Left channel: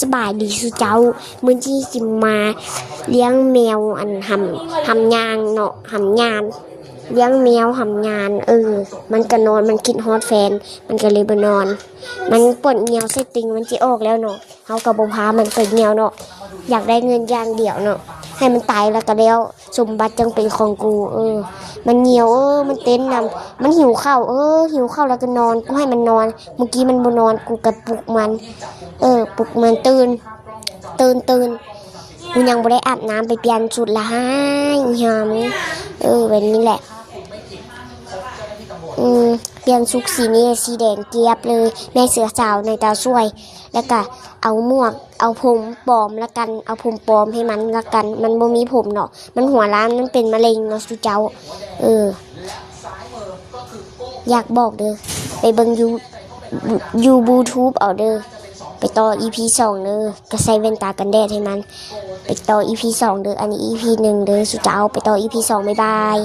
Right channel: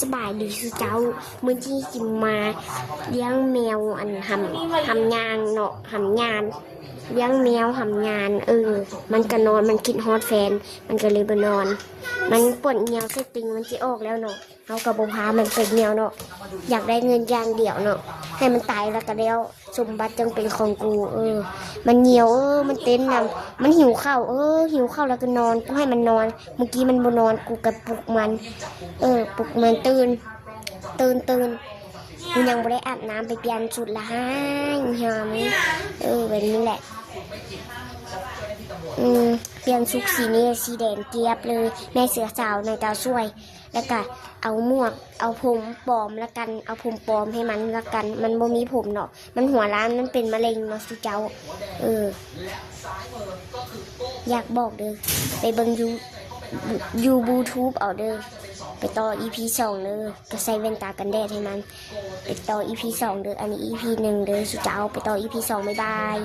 สบายดีสุเจ้ามื้อที่จิมมาเลี้ยงแมวอันหำยางเนาะหำยานเลี้ยงแมวหำยานมันก็นอนมันคิดฮอดแฟนมันก็เลยไปนอน มันปวดเหี่ยวใส่ติงมันจะออกแล้วเนาะเฮาก็บ่พามันไปเหี่ยวเนาะอยากได้เงินอย่างเดียวเนาะให้มันตายแล้วก็แล้วสมบัติจึงเป็นของกูมันเหี่ยวมันเต้นนำมันหิวข้าวหิวข้าวแล้วก็นอนกูให้มันนอนเมื่อกี้มันบ่นอนกูก็ปลุกมันปลุกมันตื่นกูยังบ่ได้อาบน้ำไปเปลี่ยนชุดละให้หอมแบบนี้แหละเปลี่ยนชุดสีนี้สีแดงเจี๊ยบเลยในเสือสาวในตาช่วยแล้วก็เอาหมวกเอาผมปลอมละกันเอาผมปลอมให้มันละกันมันบ่มีผมเนาะมันหัวล้านมันเป็นมะเร็งเนาะสุเจ้าอยากบอกเด้อไปเบิ่งยูบูทูบเอาเด้อไปต่อ EP 2เด้อก็ใส่แว่นตากันแดดให้มันไปต่อ EP 2เด้ออันนี้ EP 1เด้อสุเจ้าไปต่อ EP 2บ๊ายบาย